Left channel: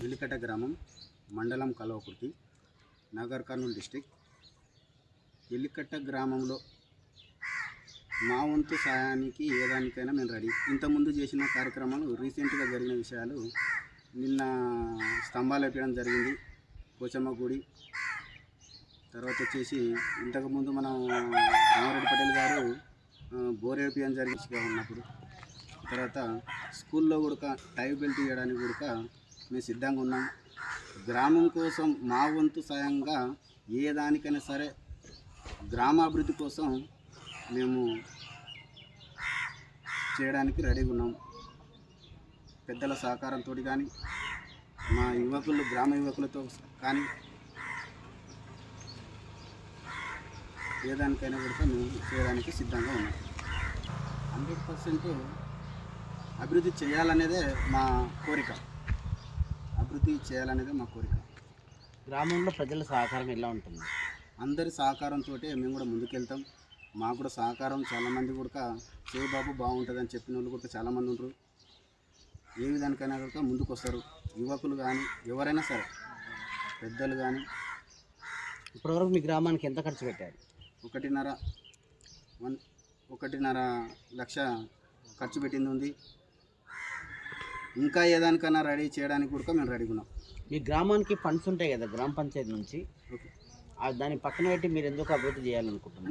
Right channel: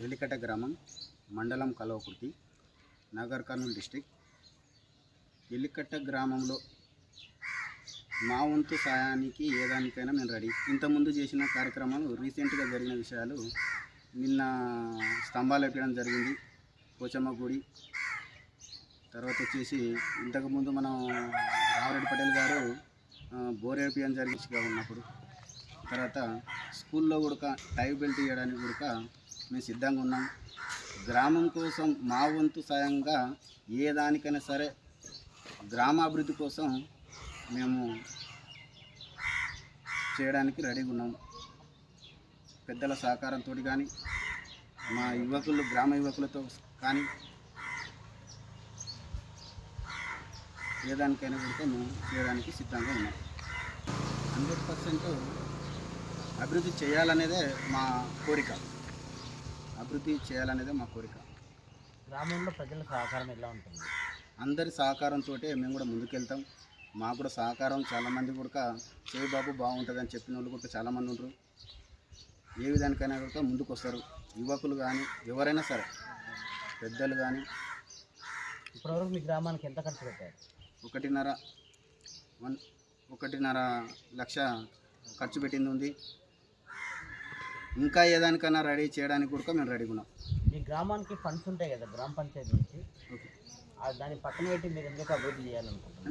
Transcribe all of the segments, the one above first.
వెలికట గ్రామం, మండలం కల్వకుర్తి, నగర్ కర్నూలు డిస్టిక్. వెలికట్ట గ్రామంలో మా వంతు సాయానికి ఏదానికైనా మేము రెడీ. ఇంతకుముందు చేసిన కార్యక్రమాలు, రీసెంట్గా జరిగిన విషయాలు, నిన్న స్తంభాలు వేయడం జరిగింది పోచమ్మ గుడి. తర్వాత వచ్చేసి ఇంతకుముందు మనం రామారెడ్డి పటేల్ గారు బోర్ వేయడం జరిగిగా ఉన్నప్పుడు, తర్వాత స్కూల్లో కూడా టై బెల్ట్ ఇవ్వడానికి కూడా మేము సిద్ధంగా ఉన్నాం. గ్రామం కోసం మా వంతు సాయంగా ఏ దానికైనా సరే గ్రామాభివృద్ధి కోసం మేము చేయడానికి రెడీగా ఉన్నాం. పెద్దల సహకారంతో కానీ, మా యువకులు, గ్రామ యువకులతో కానీ ఏ దానికైనా కూడా మేము చేయడానికి సిద్ధంగా ఉన్నాం. 100% అభివృద్ధి చేయాలనేదే మా కోరిక. అభివృద్ధి చేయాలనేదే మా కోరిక. గ్రామంలో ప్రజల సహకారం ఎలా ఉంటుంది? అందరి సహకారంతో మేము కూడా ముందుకెళ్తాం. మాకు కూడా సహకారం చాలామంది కూడా చేయి బాబు బాగుంటుందని చెప్పిన వాళ్ళు కూడా చాలామంది ఉంటారు. ఏ విధానికైనా కూడా ముందుకు వస్తారు. యువకులు కానీ, ఎవరైనా సరే, పెద్దలు కానీ. ఇప్పటివరకు మీ గ్రామానికి ఎంత ఖర్చు పెట్టారు? 1.5 లక్ష ఖర్చు పెట్టింది ఉంది. ఇంకా ఏదానికైనా రెడీ చేయడానికి కూడా మేము రెడీగా ఉన్నాం. ఈ గ్రామానికి ఫండ్స్ ఉంటాయి కదా గ్రామ పంచాయతీ నుంచి, ఓకే, దాన్ని పక్కన పెట్టి మీరు ఎందుకు అభివృద్ధి చేయాలనుకుంటున్నారు?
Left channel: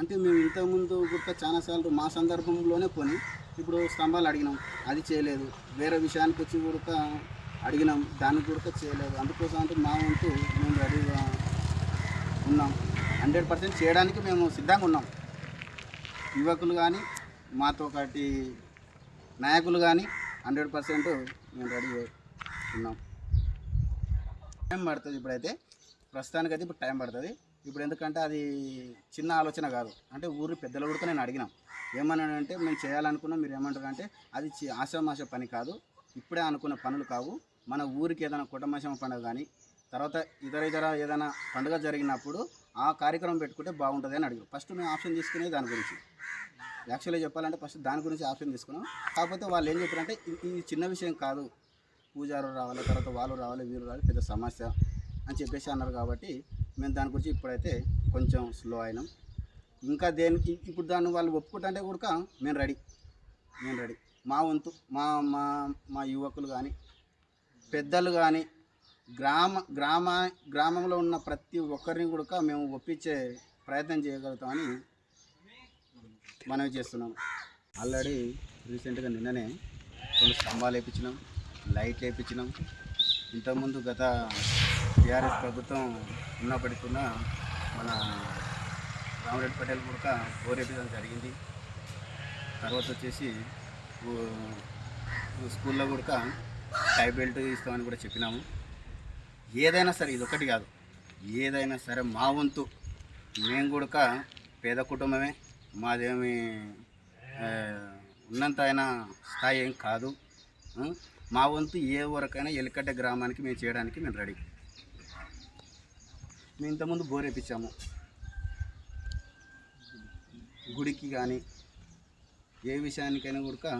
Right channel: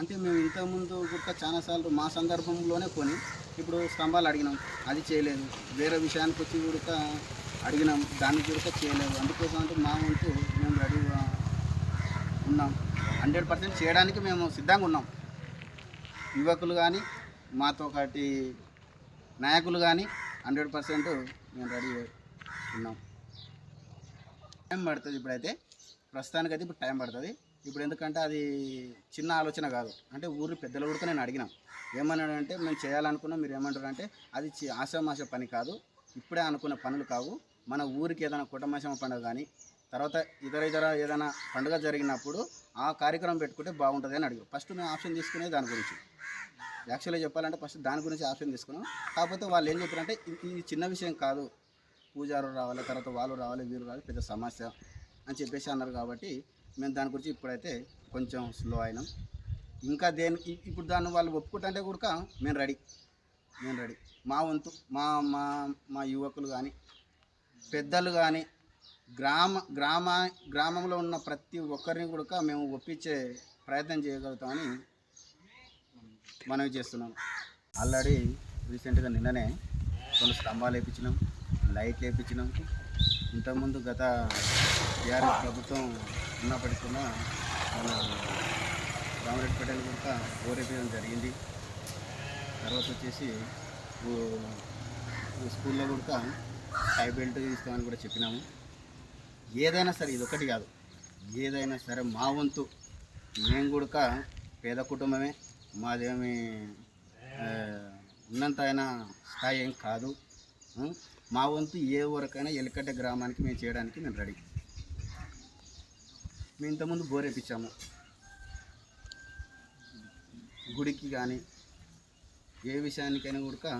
అంటే మేము ఇంతకుముందు కూడా చాలాసార్లు మా సందర్భంలోనే కొని ఇప్పుడు స్తంభాలు అడిగినాం, అది చేయలేదు. వేరే విషయానికి వచ్చి కూడా అడిగినాం, దానికి కూడా చేయలేదు. అందుకోసం అంటే మా వంతు మేము రెడీగా ఉన్నాం. 100% చేయడానికి మేము సిద్ధంగా ఉన్నాం. యువకులు కానీ, మాతో పాటి నాయకులు కానీ 100% మేము రెడీ ఉన్నాం. టైం పడుతుంది. ఇప్పుడైతే ప్రస్తుతానికైతే ఇప్పుడు టైం పడుతుంది. ఇప్పుడు ఎందుకంటే అది చిన్న ఆలోచన కాదు. అంటే ఊరి పెద్దలు కూడా నేను అడిగినాం, ఏమన్నాడంటే మేము చేయాలనుకున్నాం, మీరు ఏమంటారంటే అది ఆషామాష పని కాదు, ఇప్పుడే అనుకున్న పనులు కావు. మన ఊరికి ఏదైనా కుటుంబశమ పండుగ కానీ, తర్వాత ఇతర ఏదైనా పండుగ జరిగినప్పుడు ఆ కార్యక్రమం పెట్టుకుంటే బాగుంటుంది అని అడిగారు. ఫస్ట్ మేము ఆప్షన్ తీసుకునే దాని గురించి, యాక్చువల్గా చెప్పాలంటే ఫస్ట్ దాని గురించి ఆప్షన్ తీసుకున్నాం. కాకపోతే వాళ్ళు ఏం చెప్పారంటే ఇది చిన్న విషయం కాదు, పూజారు రావాలి, తర్వాత వాళ్ళు రావాలి, వీరు రావాలి, పెద్ద సమస్య అని చెప్పేసి అన్నారు. కాబట్టి మేము దాని గురించి ఇప్పుడైతే కొంచెం స్లో అయినాం. ఇంకా దేనికి ఇప్పుడు దాన్ని వాళ్ళు ఒప్పుకుంటే కూడా మేము రెడీ. మా వంతు మా యువకులు కానీ, పెద్దలు కానీ, గ్రామంలో ఉన్న ప్రతి ఒక్కరిని కూడా మేము ఒప్పించే ప్రయత్నం చేయగలుగుతామని మనవి చేస్తున్నాం. ఆల్రెడీ రీసెంట్గా నిన్ననే 2 స్తంభాలు వేయించినాం, లైట్లు వేయించినాం. ఇంతకుముందు గత టీఆర్ఎస్ ప్రభుత్వం ఉన్నప్పటికీ కూడా మన రామారెడ్డి పటేల్ కూడా ఓరేపించడం జరిగింది. తర్వాత వచ్చేసి స్కూల్లో కూడా టై బెల్ట్ ఇస్తామని కూడా చెప్పినాము. ఏదైనా సరే, ఇది ఒకటి కాదు, ఏదైనా సరే మా వంతు. మేము కూడా పేద కుటుంబమే, మాదేమి ఉన్నంత అయినా స్థాయి ఏం కాదు. మా వంతు ఏ వరకైనా వెలికట్ట గ్రామానికి మేము చేయడానికి మేము రెడీ. మేము ఇంతకుముందు బోర్ వేయించాము, గుడికి కానీ ఏ విషయానికైనా కూడా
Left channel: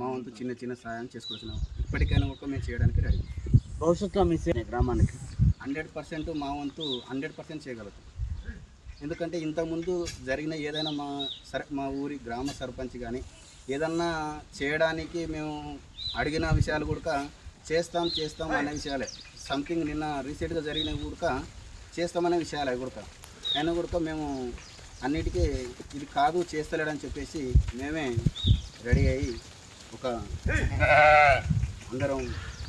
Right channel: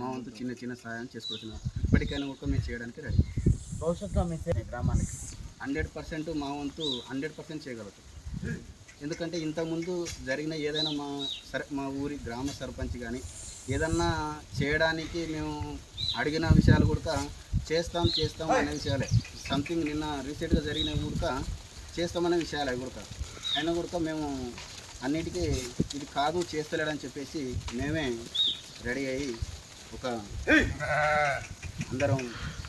మా వంతు చిన్న సహాయం చేసుకుంటున్నాం. ఇప్పటికైనా కూడా మేము చేయడానికి రెడీ. భవిష్యత్తులో మీ గ్రామానికి 100% మా వంతు 100% చేయగలుగుతాం. ఎందుకంటే ఇంతకుముందు జరిగిన ఏదైనా మా ఊరి గ్రామ సర్పంచ్ కానీ ఏదన్నా చేయడానికి మేము అడిగిన విషయాలు కూడా చేస్తాం అనే విషయాలే. సంథింగ్ నిన్న రీసెంట్గా జరిగిన కూడా చేస్తామనే విషయాలు అవి కూడా. అయినా కూడా మేము అన్నిటికీ ఇది కాదు చేస్తలేడని చెప్పేసి మేమే రెడీ అయ్యి అందరం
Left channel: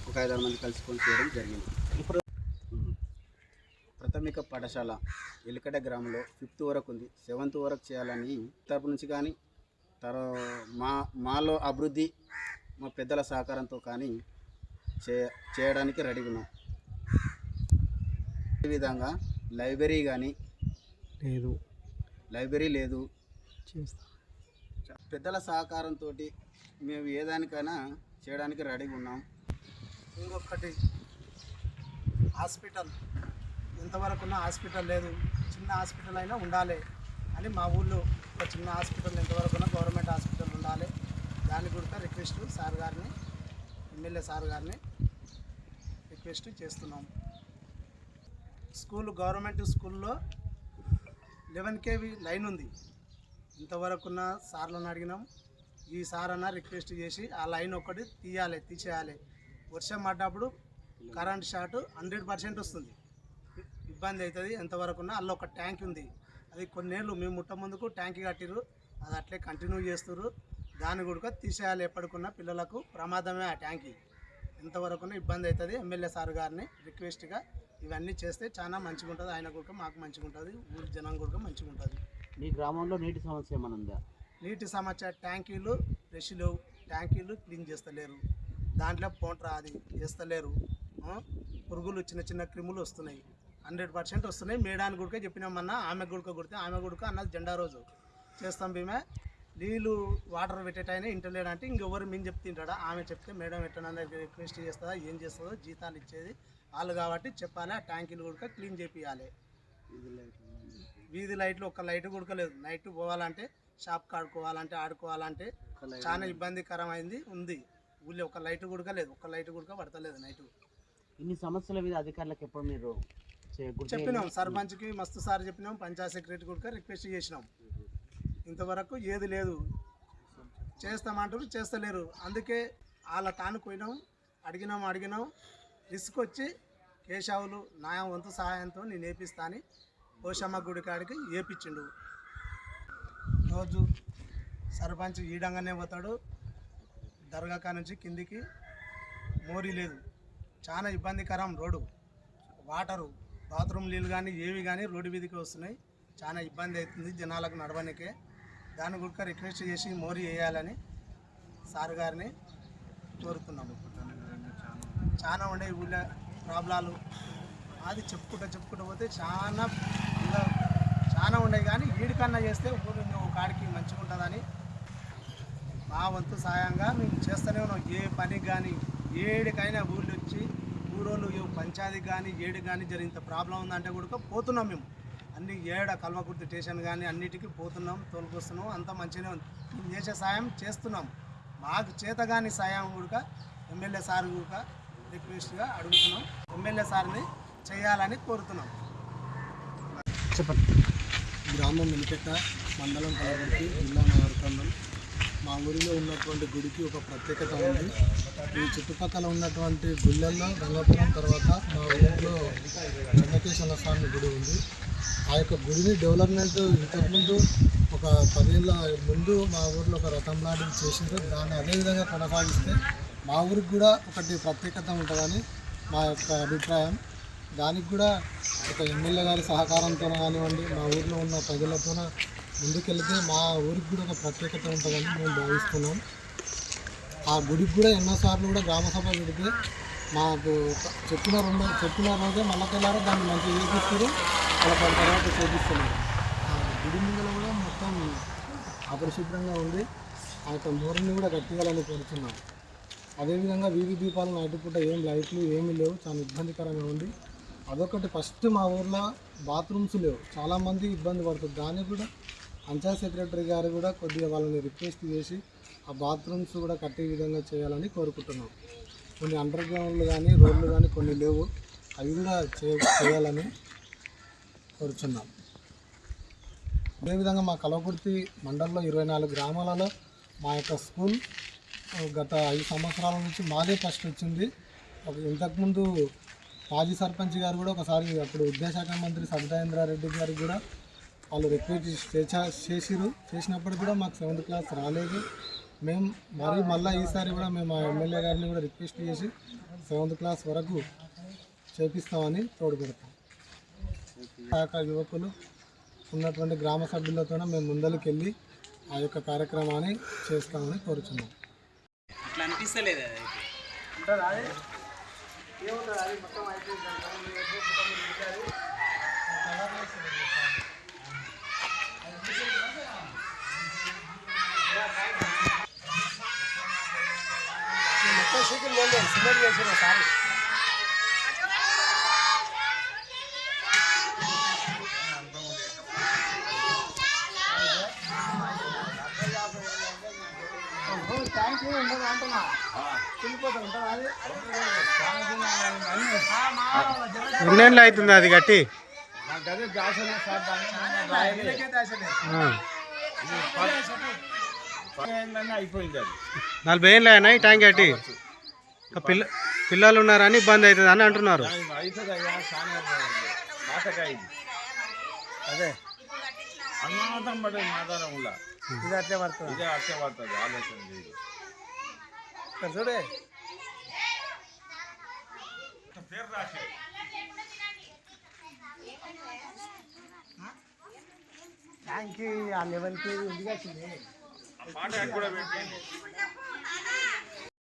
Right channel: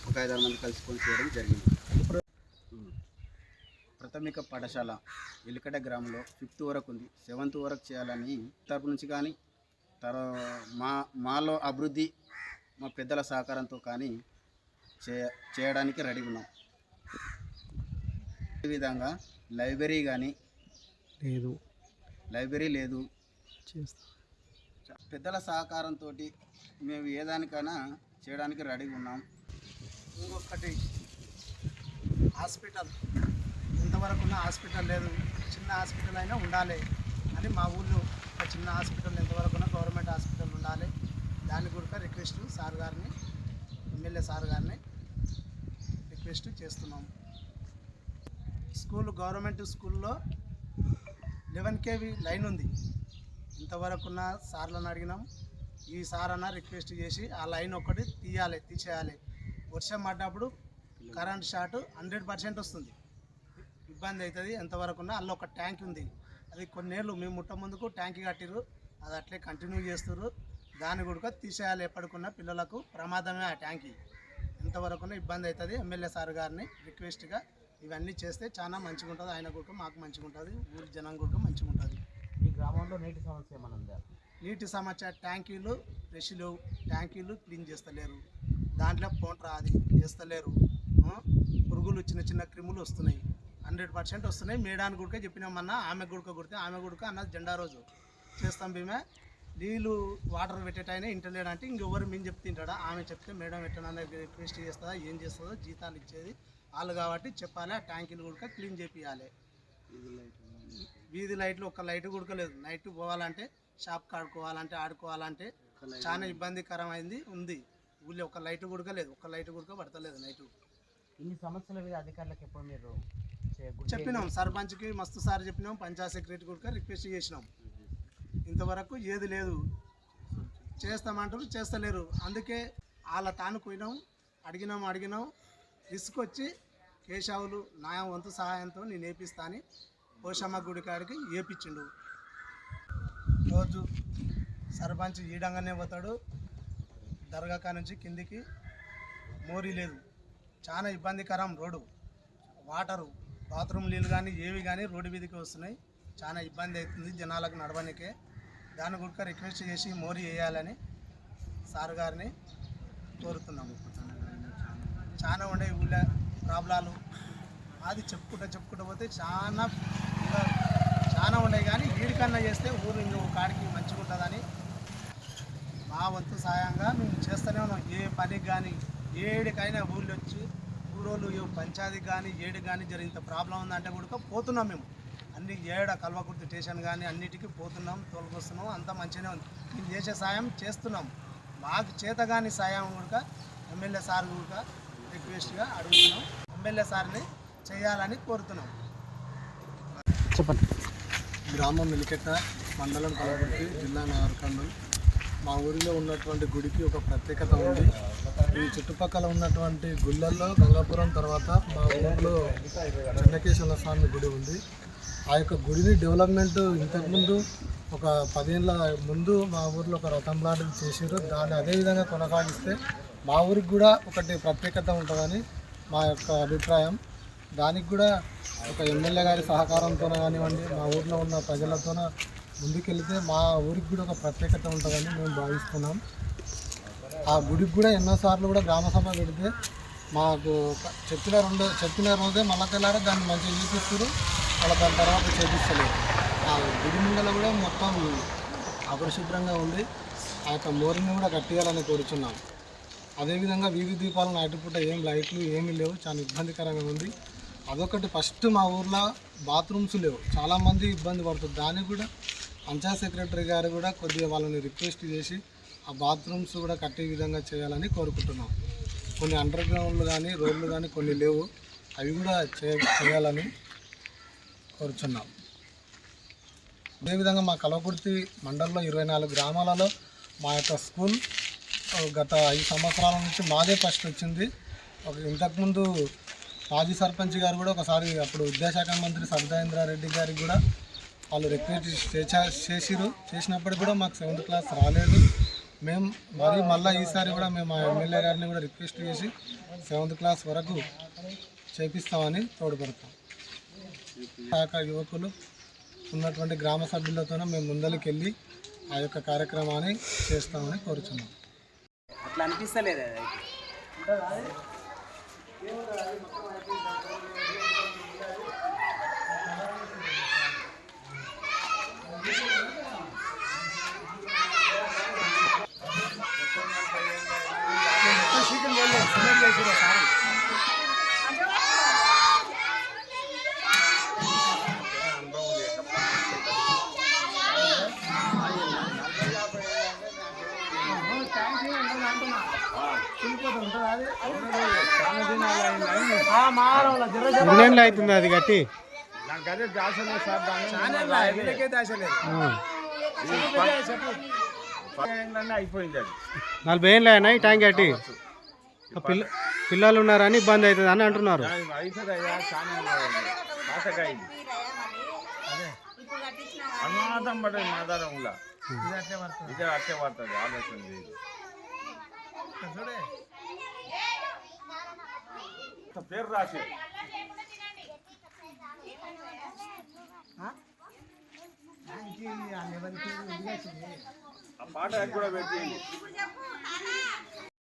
ఒక 5-6 మంది కలుసుకొని చేయడం జరిగింది. ఇప్పుడు ప్రాథమిక పాఠశాల వెలికట గ్రామంలో 5th వరకు ఉంది, 7th వరకు చేయాలని తరపు నుంచి కానీ, మాలో అభివృద్ధి మా పెద్దల సహకారంతో కానీ చేయడానికి రెడీగా ఉన్నాం. అదేవిధంగా లైబ్రరీ లేదు, చేస్తాం. పెద్దల సహకారంతో మేము ఏదానికైనా చేయడానికి రెడీగా ఉన్నాం. ఇంకొకటి హాస్పిటల్, ఎంతవరకు ఉన్న హాస్పిటల్ లేదు, చిన్న హాస్పిటల్ అయినా ఉండాలి అని మా ఊళ్ళో ఒక చిన్న హాస్పిటల్ ఎంతవరకు ఉన్న గవర్నమెంట్ హాస్పిటల్ ఉండాలి. దాన్ని కూడా రిక్వెస్ట్ సార్ గారిని, ఎమ్మెల్యే సార్ గారిని రిక్వెస్ట్ చేస్తున్నాం. గవర్నమెంట్ స్కూల్లో 11 kV లైన్ ఉంది. ఇంతవరకున్న సార్లను అడిగినాం. ఈ సార్ అన్న రిక్వెస్ట్ చేసి ఆ లైన్ ఒకటి తీసేయాలి. వర్షం పడ్డప్పుడు కరెంట్ షార్ట్ 100% వస్తుంది, ఇబ్బంది అవుతుంది. ఎంతవరకున్నా అల్ల ఒక ట్యాంక్ ఉంది, అది కొన్నేళ్ళు మేము ముట్ట ముందుకు ట్యాంక్ కట్టిరు, అది అట్లే కంటిన్యూ చేస్తున్నారు. దాన్ని కూడా తీసేయాలి. ఎప్పటికున్నా పిల్లలకు ప్రమాదమే ఆ ట్యాంకి. ఎంతవరకున్నా ఇబ్బంది అవుతుంది. ఎమ్మెల్యే సార్ గారిని రిక్వెస్ట్గా ఇవన్నీ చేస్తే చాలా మంచిగా ఉంటుంది. ఆయన కూడా మాకు మంచిగా ఉంటుంది, ఊరి జనం కూడా మంచిగా ఉంటుంది. మీ గ్రామంలో నీటి సమస్య ఏమైనా ఉందా? నీటి సమస్య ట్యాంకీలు ఫ్రెష్ లేవు, ట్యాంకీలు క్లీన్ చేస్తలేరు, దాంట్లో పోంట్రా అది చేస్తలేరు. పురుగులు చిన్న చిన్న క్రిములు వస్తున్నాయి, 100% వస్తున్నాయి. మేడానికి కూడా చెప్పినామన్నా, ఆమె గుడక కొడితే ఆమె గుడక అన్నది జెండా రోజు చేస్తాం. భీమే నీళ్ళు వాటర్ పెట్టేటైనా ఇంటలేడంటే ఇంకెవరు మేము చెప్తే తింటాడా? ఆమె చెప్తే మేడం ఎట్టనన్నా రిక్వెస్ట్ చేస్తుందా, ఏం చేస్తుందో, జీతాలు ఇచ్చేది వాళ్ళు కాబట్టి చెప్పాలి. ఆ ట్యాంకీలు కూడా క్లీన్ చేపియాలి. వీధి లైట్లు ఒక్క లైట్ కూడా నైట్ పోవాలంటే షాప్కి ఆడుకోవాలంటే చాలా ఇబ్బందికరమైంది ఉంది. ఊళ్ళో ఒక లైట్ కూడా లేదు, ఒక్క లైట్ కూడా పడతలేదు నైటు. ఇన్ని సమస్యల మీద అధికారులకు ఎప్పుడు మీరు చెప్పినాం, సర్పంచ్కి మస్తు సార్ చెప్పినాం, పంచాయత్ సెక్రటరీ కూడా రిక్వెస్ట్ చేసినాం. ఇంతవరకు ఏది లేదు. చేస్తామంటారు, చేస్తలేరు. అందుకే వాళ్ళ తాను పోయినాం, అడిగినాం. రిస్క్ వచ్చి కేశవులు నా వంతు సహాయంతో నేను వేపిస్తా అని పోషమ్మ గుడి కాడికి వేపించిండు. రోజు సర్పంచ్ ఈడంగానే పోతాడు, దర్గా నుంచి కిందికి మోరీ లేదు, చాలా ఇబ్బందికరం. రోడ్డు వాటరు బాత్రూమ్ నీళ్ళు కానీ ఏవి కానీ రోడ్డు మీదకి వస్తున్నాయి, చాలా ఇబ్బంది అవుతుంది జనాలకు నడవనికే. దాని కూడా రిక్వెస్ట్ చేసి మోరీ వేయాలని సార్ గారిని కోరుతున్నాము. చాలా ఉండే ఊళ్ళో ప్రాబ్లాలు, అది చెప్పుకుంటూ పోతే చాలా ఉన్నాయి. కానీ వీడికన్నా చేస్తే ఊరు ఇంకో కాడికి మంచిగా ఉంటుందని మా వంతు సాయంగా మేము చేస్తూనే ఉన్నాం. ఏ పనికి కానీ ఏడికైనా ఊళ్ళో వచ్చి ఊరోళ్ళు పంచాయతీకి కానీ ఏడు కానీ జరిగినంత ప్రాబ్లం ఉందంటే కూడా పోతున్నాం. మేము అన్ని కల్వకుర్తి స్టేషన్ కానీ అన్నిటికీ పోతున్నాం, తోలుకొస్తున్నాం. అంతా మంచిగానే ఉంది. మేము చేసే సాయం చేస్తున్నాం. మాకు చేతగాని సాయం కూడా ఎమ్మెల్యే సార్ కూడా రిక్వెస్ట్గా అడుగుతున్నాం. ఎమ్మెల్యే సార్ని చేయాలని కోరుతున్నాం. చెప్పండి. గ్రామం మిలికెట్ట, మండలం కలబుర్తి, జిల్లా నాగరికర్నూల్. మా ఊరిలో ఉన్నటువంటి గుడికి ఒక ప్రత్యేకత ఉంది. ఈ చుట్టుపక్కల ఉన్నటువంటి గుళ్ళల్లో గంగాపురం తర్వాత మా ఊరిలో చెన్నకేశ్వర స్వామి గుడి ఉంది. ఆ యొక్క గుడిని డెవలప్మెంట్ ఇంతకుముందు ఒక 10 ఏళ్ళ ముందు మా ఊరిలో ఒక రథం లాంటిది చేసారు. దాన్ని అదేవిధంగా కొనసాగిస్తే మా ఊరికి కూడా ఒకటి ప్రత్యేకత ఉంటుందని మా యొక్క అభిప్రాయం. దానికి కూడా ఒక ఎమ్మెల్యే గారి సహకారంతో కానివ్వండి, మా ఊరిలో ఉన్న ప్రజలతో ముందుకెళ్తే మా ఊరికి కూడా ఒక ప్రత్యేకత ఉంటుందని మేము భావిస్తున్నాం. ఆ గుడికి కూడా ఎన్నోసార్లు కూడా గ్రామసభ పెడితే మాకు చెప్పిన రోజే మళ్ళా తెల్లారే దాన్ని మంచిగా చేపిస్తారు, అలా దాని తర్వాత చేపిస్తలేరు. ఆ గుడి ముందర కూడా మొత్తం అపరిశుభ్రంగా ఉంది. ఆ యొక్క మోరిని కూడా కట్టియాలని కోరుచున్నాం. అదేవిధంగా వీధి దీపాలు నైటుపూట లైట్లు ఏమీ లేవు, చాలా ఇబ్బందికరంగా ఉంది. అదొకటి ఫస్ట్ మా ఊర్లో బాత్రూమ్స్ లేవు, చాలామంది ఇబ్బంది పడుతుంది. దానికి కూడా పంచాయత్ సెక్రటరీ గారు కూడా కొద్దిగా వాళ్ళని రిక్వెస్ట్ చేసి ఆ బాత్రూమ్స్ కూడా కట్టే విధంగా చేయాలని కోరుకుంటున్నాం. కొన్ని అండర్ గ్రౌండ్లు కానీ రోడ్లు కానీ కొన్ని లేవు, అవి కూడా చేయాలని కోరుచున్నాం. అదేవిధంగా మా కల్వకుర్తి మండలంలో 24 గ్రామాలలో మా యొక్క స్కూల్ గత 5 సంవత్సరాల నుంచి మాదే ఫస్ట్ వచ్చింది. ఇంతకుముందు మాజీ సర్పంచ్ గారు కూడా ఒకసారి అప్పుడు విద్యాశాఖ మంత్రి సబితాయింద్రారెడ్డి గారికి కూడా వాళ్ళు రిక్వెస్ట్ చేసినప్పటికి కూడా మాకు 7th క్లాస్ రాలేదు. మేము మళ్ళీ ఈసారి కూడా మేము ఆ ఎమ్మెల్యే గారిని కూడా రిక్వెస్ట్ చేసి 7th క్లాస్ వరకు చేపిస్తామని తోడ్పడతాం. శాఖ యువకులు ఉన్నటువంటి గ్రామ సభ్యులతోనే మేము ముందరికి వెళ్ళి ఆ యొక్క కార్యక్రమాన్ని చేస్తామని కోరుచున్నాం. అట్లా అనిపిస్తలేదు మొత్తం సీకిల్ వెళ్ళలేదు, సిమెంట్ చేసారు సారీ. ట్యాంక్ ఉండదు అంటున్నా, వెళ్ళిపోతుంది. ఉంటుందా అది? ఎన్నేళ్ళు అవుతుంది అది కట్టి? నాకు అదే దాసలే సార్, దాన్ని రాయలే ఆ. అయిపోయింది అది. 40 ఏళ్ళు అయినా ఈ ట్యాంక్ కట్టి. పిల్లలు ఉన్నారని ఇబ్బంది అవుతుంది అని అంటున్నారు. అవుతుంది అయ్యా, చాలా పాతకాయ ఇది. అదే అనుమానం పడేది మాదారంలా ఇదే అట్టే పడుతుంది. ఆలోచన లేదు. చూడే పేరు రాసి ట్యాంక్కి ఆ లెవెల్కి ఇది పాట కూడా పెట్టింది.